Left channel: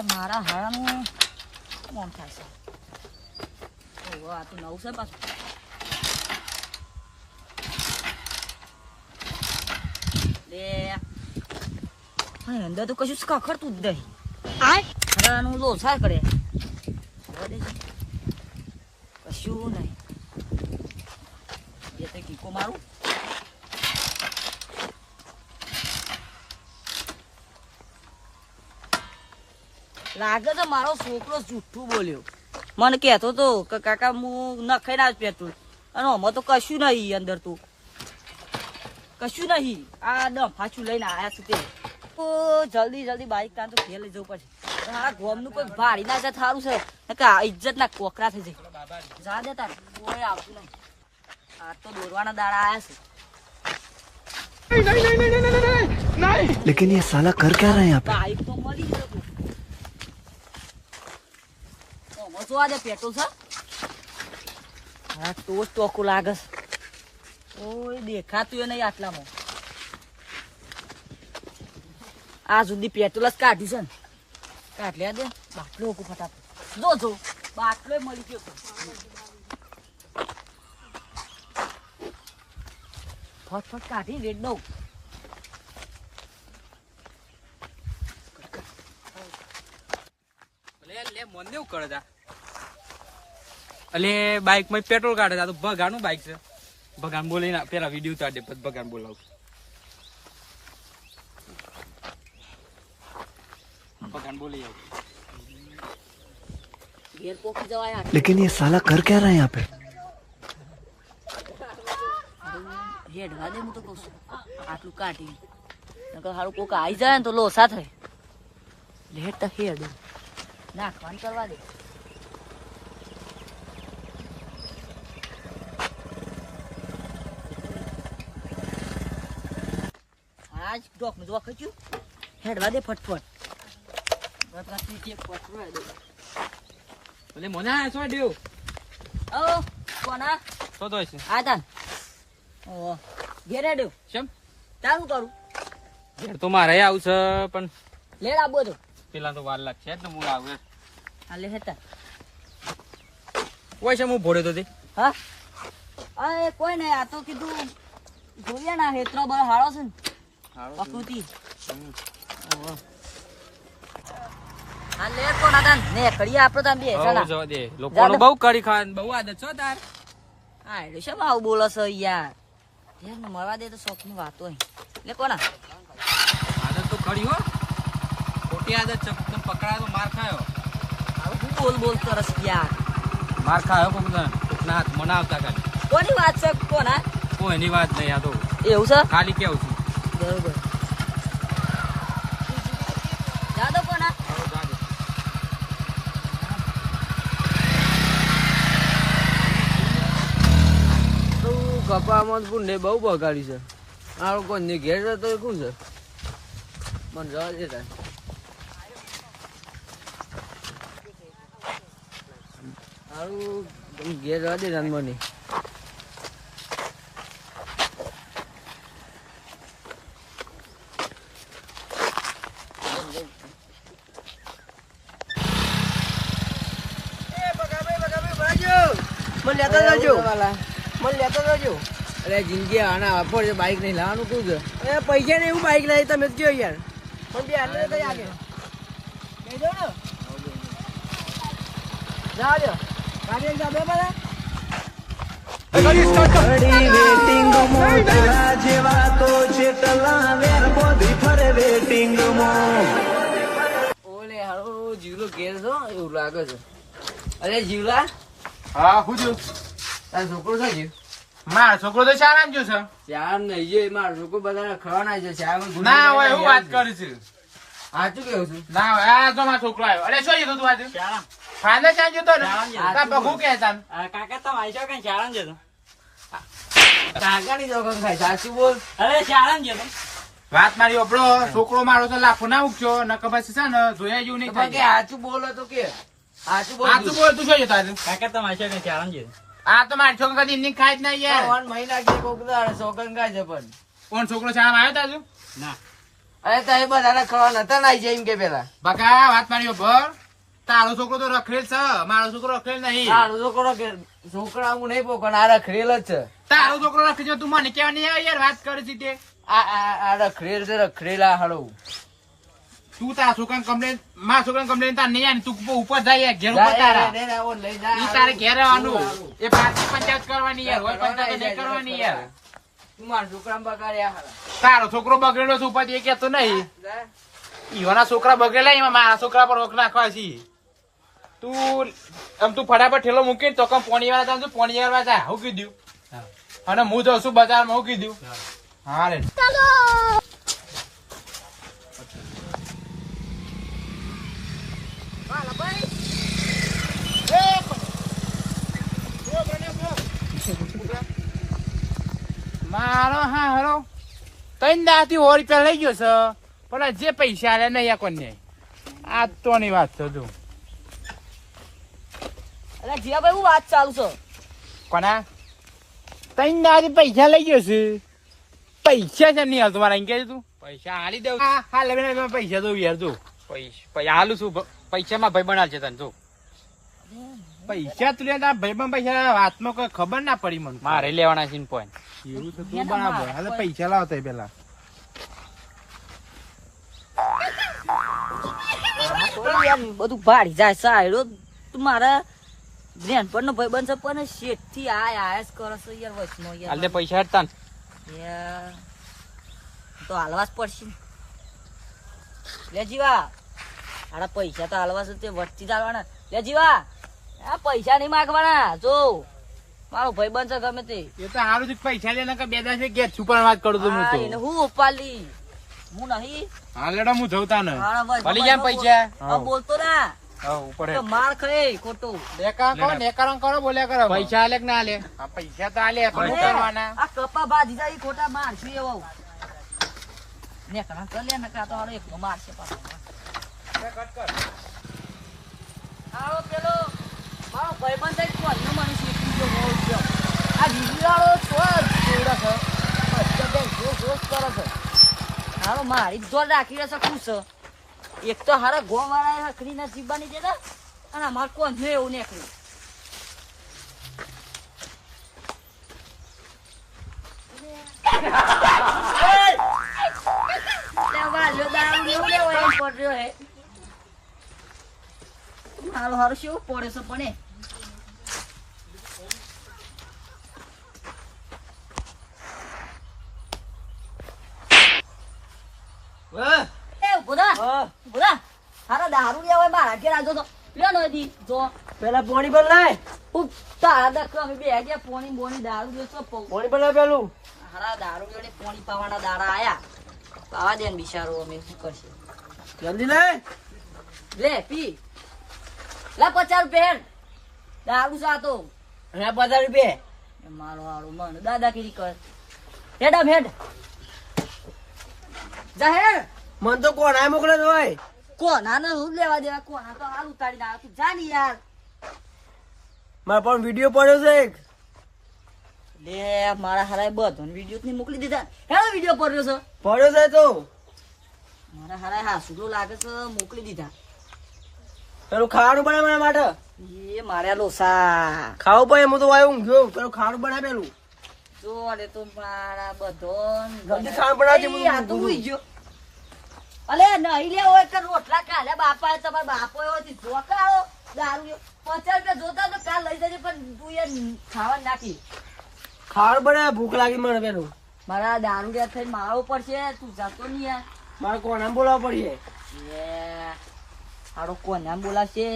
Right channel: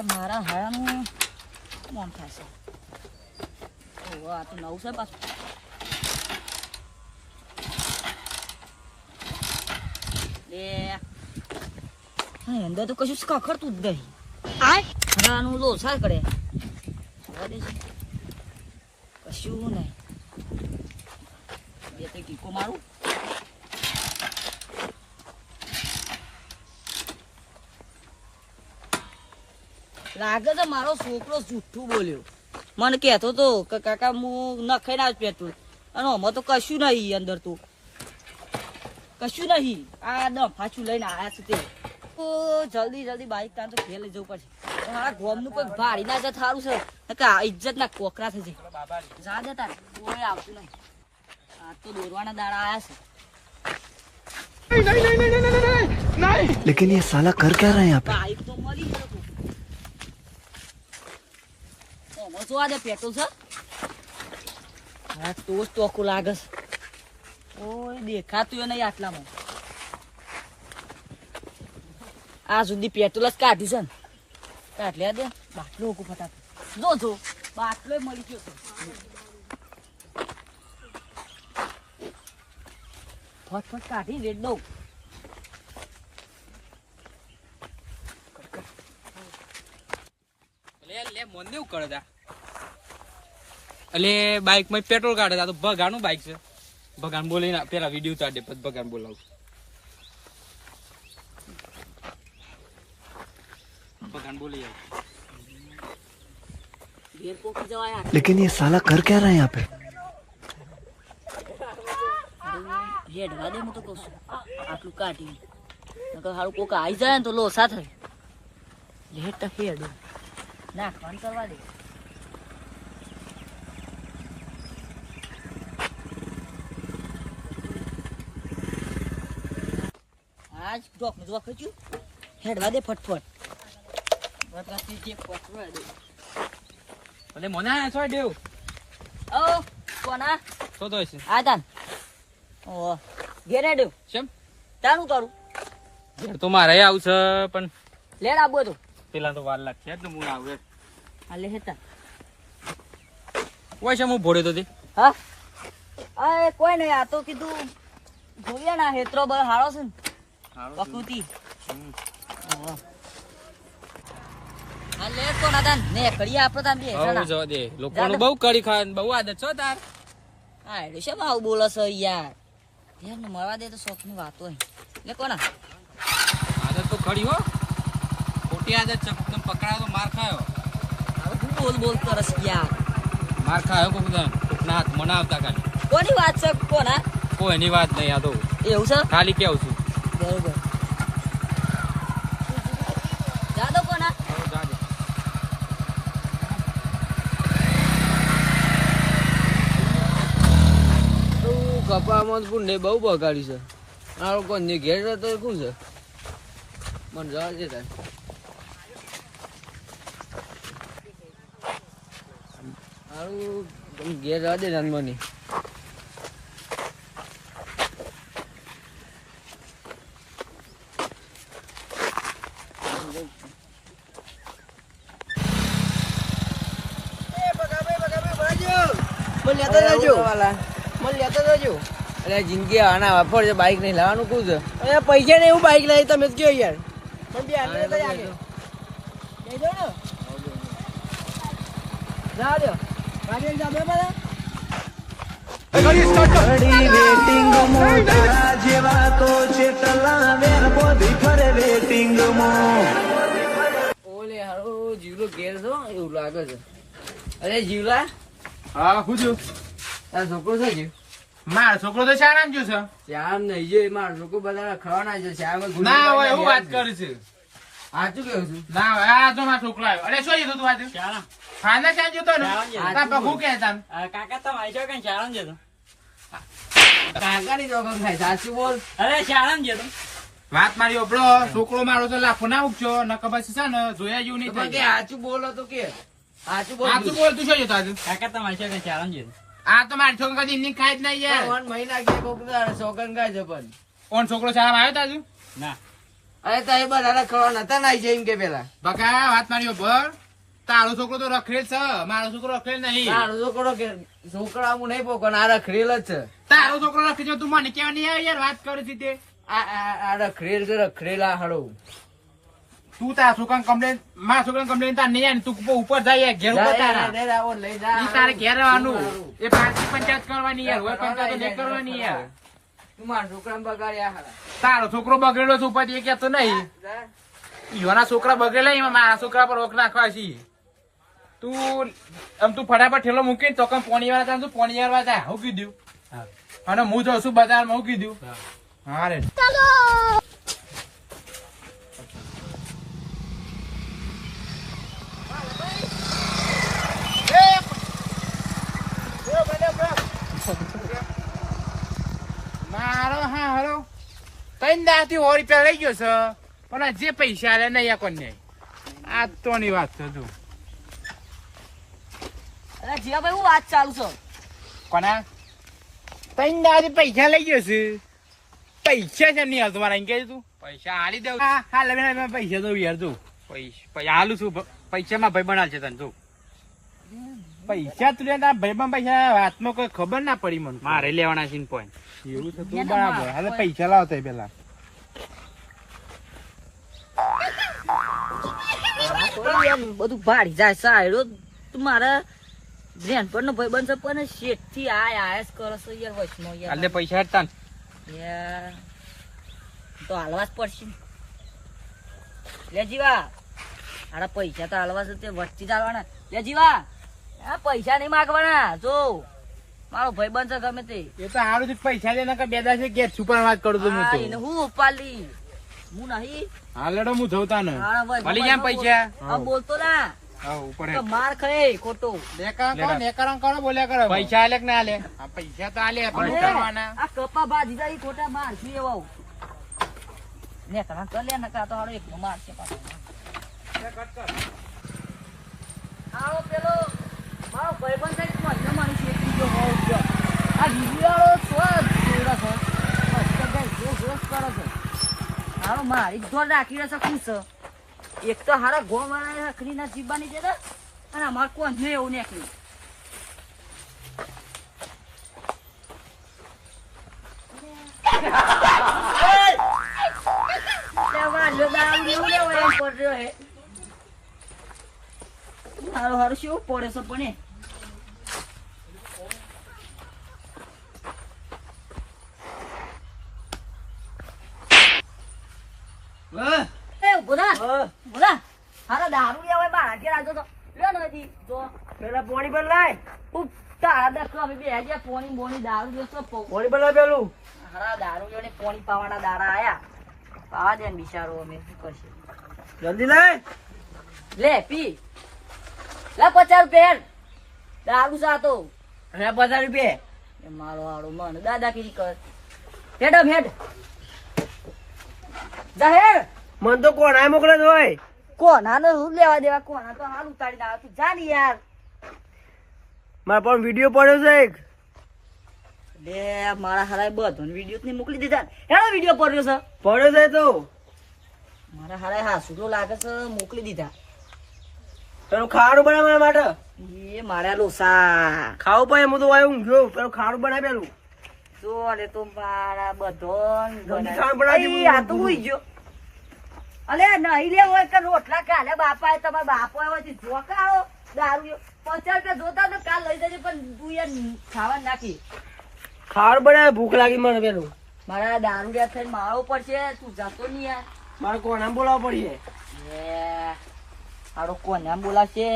લે મારા હારાનું મન થાય છે. ઓ આ તો નવું છે પાછું. લે હા અંદર તો કશું ખખડતું જ નહીં. હારાનું લોસા કરે કશું નહીં. બે તો ટીકો મારું. લાગે તો મારો છોકરો જૂઠું બોલ્યો. મને કહેતો તો કે કાકા હું નખાઈ ના જ પેટ્રોલ અને આમાં તો કશું નહીં અંદર તો કશું નહીં. આ ડફાચું લઈને આવ્યા છે તે તો જલ્દી બાઈક કાં તો ઘેર લઈ જવું પડશે. આ ગોમનું કોઈ ભાડી ના જાય સારું છે કે ઇજ્જત ના કોકરા થઈ જાય. જા દે તાર કોઈ આવતું નહીં. આ તો દોરવાના દાડા આવ્યા છે. लेकिन ये साला कर क्या रहा है यहाँ पे? બાઈક તો મળી ગયો તું. જોવા દે પેટ્રોલ છે. હા તો જ ટોકું લાગે. ઓય દેખાતું નહીં આટલામાં. આ સુધી પેટ્રોલ જ કાઢ્યું છે ને. કાઢ લે દે બાટલો ફટાફટ. જો બાટલો મળી ગયો. ફટફટ કાઢી રેડ દઉં. લે મને એવું કરે તા એટલે બાઈક માં પેટ્રોલ કાઢે તા તો ભગાનું બાઈક છે. ભગાન બોલીને પેલા વિડીયો ઉતાર દે પછી ભગાન બોલાવું. ભગાન બોલી આવું. ઘેર પોકી જવાય. लेकिन ये साला कर क्या रहा है यहाँ पे? હેડવા દે હું તો કહું છું. આટલું કાઢી નકર હારું કોક આવી જાય ને તો લોસા થાય. લેટ તો હેડ નાખવાનું કરવા દે. આજ ડોક નું જોવા ખચ્યું. હેડવા દે ફટફટ. એટલે મને છો દેવ ઓ કોના તો છે આ તાન ઓ ઘેર હેડ્યો કેમ તારું કરું ઘેર તો મારે આવશે પણ લેડ આબો તો પેલા તો વાર લાગશે જ ને હું આવું. આ લે હેતા હોય છે હું ભોડે તો હા આ કોઈ નહીં. આ તો કીધું જોઈએ ના હેત્રો બર હારો છે ને પ્રકૃતિ. હા લેડ કોના તાન ને કરીએ આપણે તાન બે હો જો દે લોકોનું બહુ કરી ખાન બહુ આદત છો તાર. હા એટલે શેમ આવું બોલો છો યાર. યાર ને મળવા દે તો શોખ ની વાત હોય. લે કોના આદત તો ખરી હો. ખોટી આદત છે. એકદમ પકડાયો તો માર ખાયો. હું બોલ કરસ યાર. માર ખાયો કોકના હાથ મને આવતા ખાલી. કોની વાત છે કોના? કોઈની વાત નહીં. આ તો એવું છે ખાલી કેવું છું. બરોબર જાદો કોના કપામાં પુંડે બહુ બગાડી છે. આ લોકો ઘેર જતો શું છે મને જવા દેતા. સારું ઘેર જવા દે મને. અરે જિંદગી આના વાપર છે. બાઈક નહીં લાવવાનું શું છે? પૈસા ને એવું બાઈક લાવી તમે જ કયો યાર. ઓલે હારો જીવલો ઘેર છો એવું લાગે છે. અરે જીવલા હા હું છું. તારો છોકરો છે જીવ? મારો છોકરો તો શાળા ગયો છે. ચાર નહીં જે મારો છોકરો બધા ખવાના છે. ના હોય એવું વાત કરી છે. સાચું કેવું છું? ના હોય આ જો મારો છોકરો આવ્યો. અરે શું કીધું તું આજે ફાધર ક્યાં જતો ને બહુ કહેતા કાકા તમે આવીશો કઈ ચારણ જતો. કાકાની જોગમ ખાય. સાચું બોલ. અરે ચારણ જતો. વાત મારી ઓપડો છોકરો મારો તો લાફો ના ઉગશો ન ખબર છે ને જોયા જેવું નહીં થાય. સાચું બોલો તો કે સાચું બોલ. આ તું બોલ તું શું જતો આજે? કાકા તમે આવીશો કઈ ચારણ જતો. આ તો મારી છોકરા કદી ઇન્ની ખાય જ નહીં યાર. મહિના કે કોક સોગન ખાય છે પણ કોણ છોકરો શાળામાં આવ્યો તા હજુ? ના અરે તો એ બધાને ખબર નતા નાઈ જાય એમ કે પેલા બકા વાત મારી ભર તારો છોકરો તો રખડેલ છે મારો છોકરો રખડેલ નહીં તારો છોકરો કે છોકરા હું નહીં પોકણ આ રખડેલ જ છે તારો છોકરો રખડે તું મને કેવા નહીં આવે યાર વાત કરી છે તે આ રખડેલ છે રખડેલા હળો તું તારા છોકરાને કમ્પ્લેન મારા છોકરાને કમ્પ્લેન તાર નહીં આવે તું ઉપર જાય ઘેર ઉપર તારા લઈ જા ઈ તારે ઘેર આવવાનું એ પાર્ટી પંચાયત કરવાની યાર હોય પંચાયત નહીં કરવાની યાર તું મારા છોકરાને બગાડ્યા હારા તારો છોકરો બગડેલો છે ઉપર એ કેતો નહીં ઈવાના છોકરા બગડેલા એમાં મારા છોકરા પર રોક નાખવા છે તું આમ તું ફટાફટ ઠેલો મૂકી તો કમ પોણી વાળા તું પોણી વાળા જા હું કીધું અને હું જઉં છું બજારમાં હું કીધું હા રે મારો હા હેરો કઈ દાથી 100 રૂપિયા લઈ ગયો છે પણ જે પૈસા આલે નહીં કોને આ તો ની વાત છે જો અરે જીયાભાઈ હું વાત ચાલુ છે કોના કઈ દાથી પૈસા લઈ ગયો છે પૈસા છે નહીં હાલ તમારા એમ કે તું પૈસા હાલી દઉં હા લઈને પૈસા દઉં યાર જો પૈસા હાલું છું પૈસામાં ભાઈ બનાલ છે તને જો પૈસા તું લેતા ભાઈ પૈસા વાતમાં કોઈ ખબર ના પડી મને મારે લેવાના છે પોઈન્ટ એવું છે તું બરાબર હાલે પૈસા લાવતા પેલા બધું ભાડી જાય સાયડો તું મારા બેનપણ નો ભાઈ બનશે પણ શેઠ થી આયા જ કરે છે યાર વચમાં યાર હાલે પૈસા હેડતા ને યાર તો હાલવા જ પડશે લે જીવા આડા પૈસા તો હાલવા છે તે વસ્તી જ આવવાના લે જીવા આ પૈસા નહીં માગવાના જો મારો ભાઈ બનશે ગમે તે એ તો સારું છે પૈસા લે કે બે દાસે કે છુપર વાત કરું છું હું તો એને હું ઉપાલી હું નહીં હા લેડો હું જવતા ને ભલી જામ પૈસા આ બોલતો ના હા ઉપર તો માર ખાઈ ખોટો નેકારણ કરો બોલ્યા કરો પૈસા આલે કે ના આલે પૈસા તો આલે આ કપા બાજી જાય ખોટા માર છું એવો ને કણા તો લે નકા તો હારો એકનો મારશે પાછો આવો પેલો મારો ભાઈબંધ છે મને મને શેકી ગયો હોવ ગયો આ જીવાળો તો જોડા છે અત્યારે જોશ કરે છે હારો મારી જોર રાખી રહેશે ખુશ એક તો હારો ગોવાળા રખડીના જીબાની જતા અને અમાર કોણ ને એવું નીકળ્યું હારું હારું શું પડે છે પણ દારૂ લેવા મારા ઘેર આજો તો લ્યો નથી જો પેલા પાણી પર લાય તારા અમે બે ગયા પોણી બોની દારૂ લેશો પાણી પર લાય પેલું હારા દારૂ ને પોણી પાવાના દાડા આયા પાવા દે ને બિચારો અમે શું કરશે જલ્દી લાય લે પી લા 50 રૂપિયા દારૂ સાતો રે 50 રૂપિયા મારો હારું મન દાદાગીરી કર હેડમ હેડ જાહેર મન તો કોણ આ મોકલે હોય કોના ને હું લેવા દેવા કોના તો હાલ ઉતાડી ના તું જા ને યાર મારા પણ વિડીયો પડ્યો છે એક લે મારા હારા બધો વિડીયો ને મોકલી દીધા હેડો વિડીયો પડ્યો છે પડ્યો છે તો મારા હારા હાસુડો લાગે છે મોકલી દીધા પેલું ખાવાનું બનાવ મારા માટે એ મારા લોસા ખાવું પણ એમ તો આવ્યું ઊંઘ્યો પેલું ખાવાનું બનાય પેલું જો ને તો મારા બધો જલ્દી ખાવાનું બનાવજે. આ તો હુઈ ગયો અલે નહીં લે હોય કે રોટલા કાલે બાપા તમારા બાપો હોય તો જોકાળો દારૂ 50 રૂપિયા જોતા તો કાલ લઈ જજે પણ તું યાર ખાવા નાખી ખાવાનું બનાય ભૂખ લાગી મને પેલું મારા દારૂ ગયા થઈને મારવો પડશે તું જાતો નહીં યાર મારે કોણ આમ બોલાવવું પડીએ હારો કોને આમ બોલાવશે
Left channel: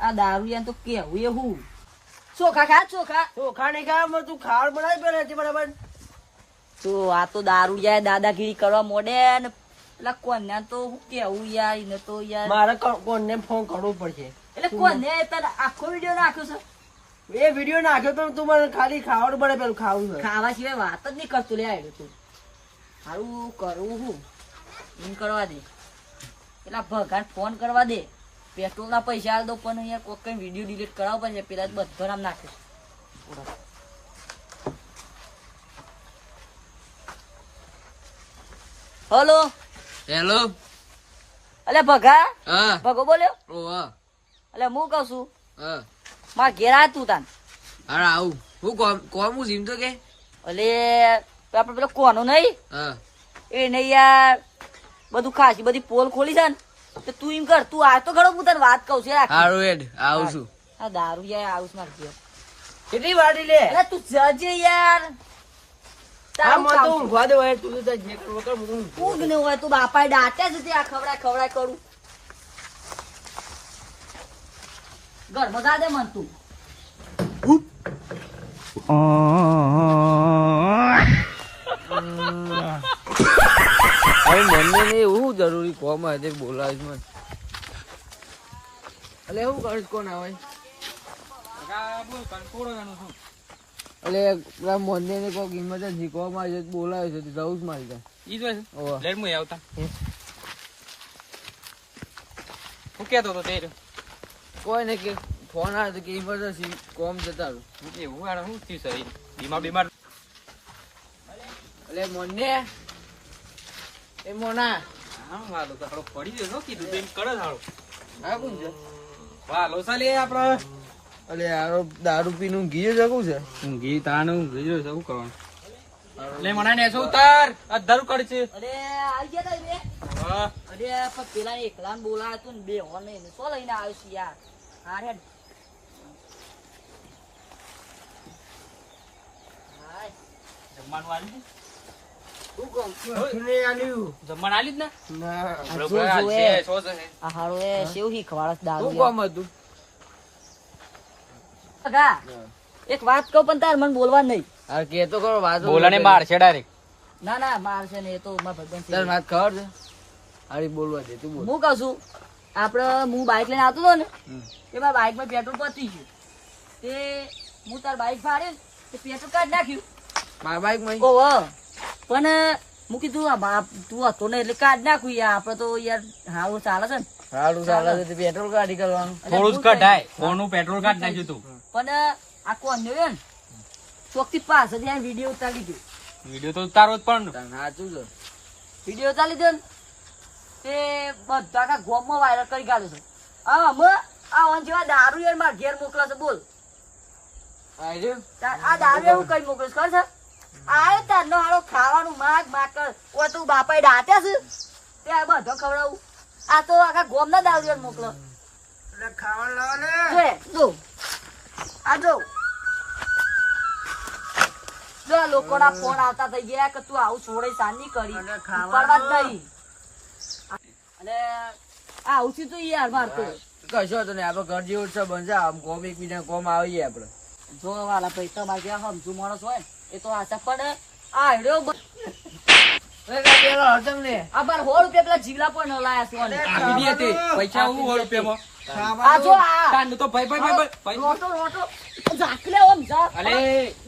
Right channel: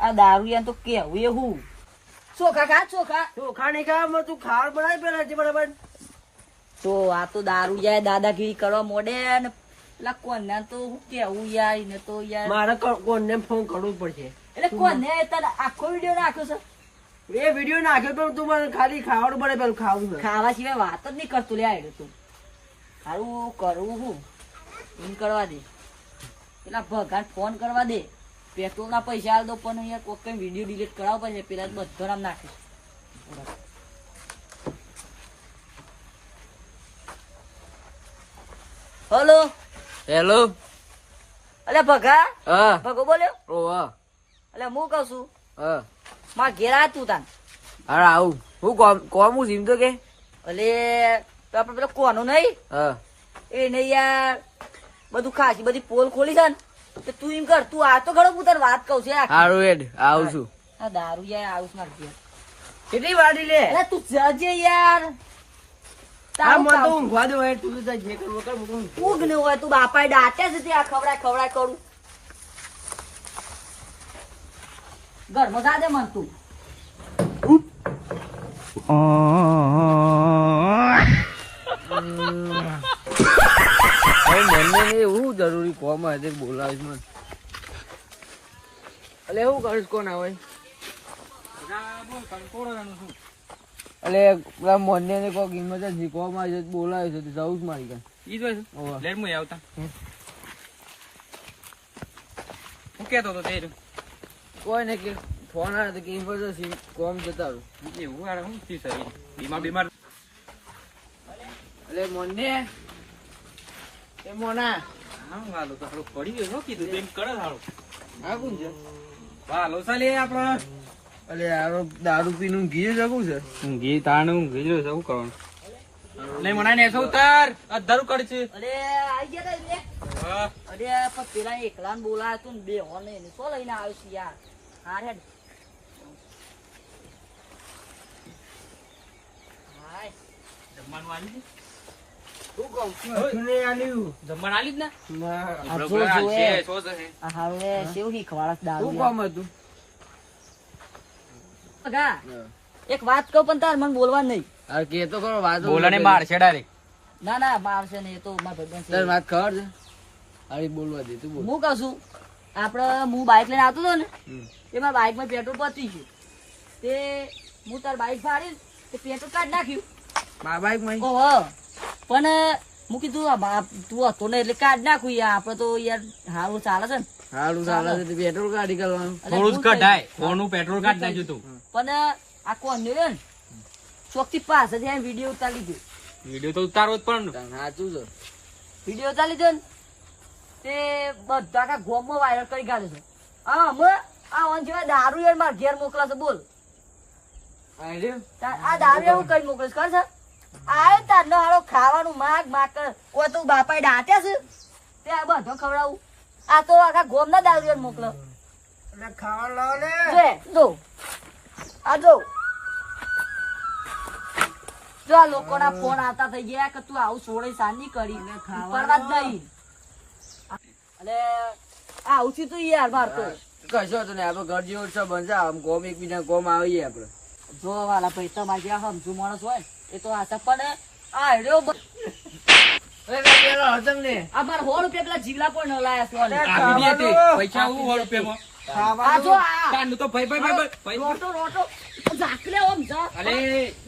આ દારૂ યાર તો કેવું એવું ચોખા ખા ચોખા ચોખા નહીં ખાવા તું ખાવાનું બનાય પેલા છે બરાબર તો આ તો દારૂ યાર દાદાગીરી કરવા મોડે ને પેલા કોને તો હું કેવું યાર એને તો યાર મારે કોને ફોન કરવો પડશે એટલે કોને તને આખો વિડીયો નાખ્યો છે એ વિડીયો નાખ્યો તો તું મને ખાલી ખાવાનું બને પેલું ખાવું છે ખાવા સિવાય વાત જ નહીં કરતો લે આડ્યો તું સારું કરવું હું એમ કરવા દે પેલા ભગાન ફોન કરવા દે પેટ્રોલ ના પૈસા આલ દો પણ અહીંયા કોઈ કઈ વિડીયો ડિલીટ કરાવવા પડશે પેલા બધો નામ નાખે હલો હેલો. અલે ભગા હા. ભગો બોલ્યો. ઓવા. એટલે હું કઉ છું હા. મારા ઘેર આ તું તાન. હાર આવું. હું કોમ હું જીમ તો કે. એટલે આપડે પેલો કોનું નહીં હા. એ નહીં યાર બધું ખાસી બધી પોલ ખોલી છે ને તો તું એમ કર તું આ તો ઘણો હું તને વાત કઉ છું યાર. હારું હેડ આવું છું. આ દારૂ યાર આવું માર ઘેર. કેટલી વાડી લે અરે તું જજે યાર. તારું કામ. ઊંઘવા દે હોય તું તો જે કરવું કર હું ઊંઘ ન હોય તું બાપાએ દાટ્યા છે ત્યાં ખવડાય કરું ઘરમાં જા દે મન તું. મને એવું જરૂરી કોમ હશે બોલાવીશ મને. એટલે એવું કરીશ કોણ આવે એટલે પેલા મને ને કોઈ કિંમત જ શીખવા માં છે બોલાવે છે જવું જ મારી ત્યાં. ઈ જ હોય છે ઓવા. લેટ મુય આવતા હું કેતો તો તેરું કોઈ ને કે ફોન આવે તો કિંમત જ કોમ જતા રહું. એવું યાર હું થયું શરીર બીમાર એટલે મને એ મોના હા વાલો તો આપણો પડી ગયો શું કીધું એમ કરે હાલો આ કોણ છે? વાલો સાલે આપણો એટલે આરો દારૂ પીનું ઘી જગું છે. ઊંઘી તાણું ઊંઘી રહ્યો છે શું કરવાનું લે મના ને શું ઉતાર આ ધરું કડ છે અરે આઈ ગયા તા બે. વાહ અરે પણ પેલા એકલા ને બોલાય તું ને બે હોને એને શું લઈને આવ્યો છે યાર. હાર હેડ. હાય. જમવાનું આલી છે? શું કહું? જમવાનું આલી જ ને ના. જો જો એ. શું છે આ હારું એ સેવ શીખવાડસ દારૂ શું યાર. કામ હતું? ભગા, એક વાત કહું પણ તાર મને બોલવા નહીં. આ કે તો ખરો વાત બોલાને માર છે ડાયરેક્ટ ના ના મારશે ને એ તો મારા ભગવાન તાર વાત ખબર છે? હારી બોલવા દે તું બોલ. હું કઉ છું આપડે હું બાઇક લઈને આવતો હતો ને હમ. તે મારા બાઇકમાં પેટ્રોલ પતી ગયું તે હું તાર બાઇક ફાડી તે પેટ્રોલ કાઢ નાખ્યું. બાબા એક મહી. ઓહો પણ હું કીધું આ તું હતો ને એટલે કાઢ નાખ્યું યાર આપડે તો યાર હારું ચાલે છે ને. હારું ચાલે છે તો પેટ્રોલ કાઢી કરવાનું. એટલે થોડું જ હું કઢાય કઈ- ફોનનું પેટ્રોલ કાઢ નાખ્યું તું પણ આ કોણ ને ચોક થી પાસ જ વિડીયો ઉતારી દીધું. વિડીયો તો ઉતારો જ પણ તાન સાચું છે. વિડીયો ઉતારી દીધો ને તે બધા આખા ગોમમાં વાયરલ કરી કાઢ્યો છે. આ ઓન જેવા દારૂ યાર મારા ઘેર મોકલા છે બોલ. આ રહ્યો. આ દારૂ એવું કઈ મોકલીશ કર છે આયો તારનો હારો ખાવાનું માગ કર કોઈ તું બાપાએ દાટ્યા છે તે આ બધો ખવડાવું આ તો આખા ગોમ ના દારૂ મોકલો જો આ જો આ લોકોના ફોન આવતા થઈ ગયા કે તું આવું છોડે સાની કરી પડવા જ નહીં અને આવું છું તું યાર માર તો કશો તો નહીં આપડે ઘર જેવો જ છે બનશે આમ કોમ એકબીજા કોમ આવીએ આપડે. જો વાલા પૈસા માં જ્યાં સમજુ માણસ હોય ને એ તો આશા પડે આ હેડ્યો આ બાર 100 રૂપિયા પેલા જીવલા પણ ન લાયા સોને આપી દે તે પૈસા હું 100 રૂપિયામાં આ જો આ તાનું તો ભાઈ રોટો ઝાકલે ઓમ ઝાક અલે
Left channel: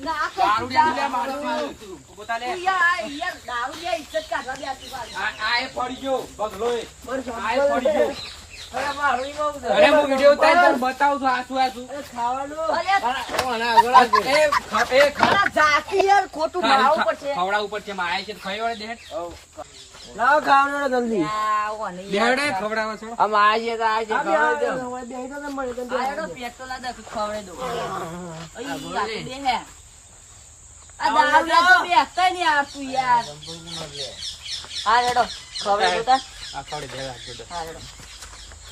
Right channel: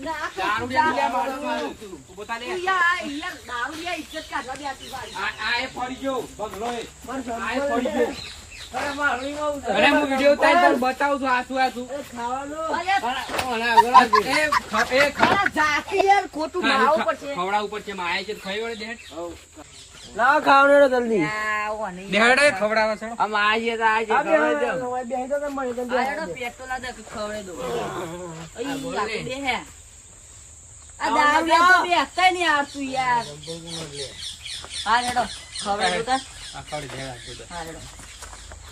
ના દારૂ લે મારું પોતા લે યાર દારૂ લે ઇજ્જત કાઢવા દે આતી સારી આ એ પડી ગયો બગલો એ આ એ પડી ગયો અરે મારી બહુ છે. અરે હું વિડિયો ઉતારી તને બતાવું છું આ શું અરે એ ખા અરે ઝાકી યાર ખોટું મારવું પડશે ખવડા ઉપર છે માં આય છે ખાયો રે દેહ લાવ ખાવડો જલ્દી. આ ઓને દેહડે ખવડાવા છો આમ આજીએ તો આજી ખવડાવી દો. આ હેડો પેટ્રોલ આ દે ખવડે દો અહીં આપી દે હે આ દારૂ લે તો બે હતાય નહીં આવતું યાર હા હેડો ખવડે દો તાર આ ખોડી દેવા છે હા હેડો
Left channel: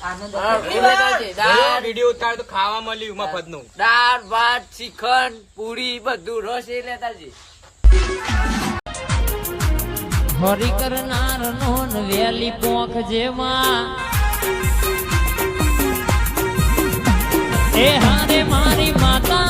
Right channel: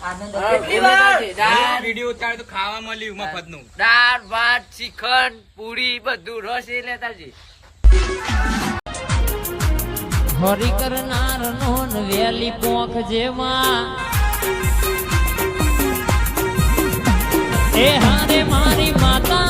આનંદ કેટલી વાર? દાળ વિડિયો ઉતાર તો ખાવા મળ્યું મફતનું દાળ ભાત શ્રીખંડ પૂરી બધું રસ એ લેતા જઈ. હરી કરનાર નોન વેલી પોખ જેમાં એ હારે મારી માતા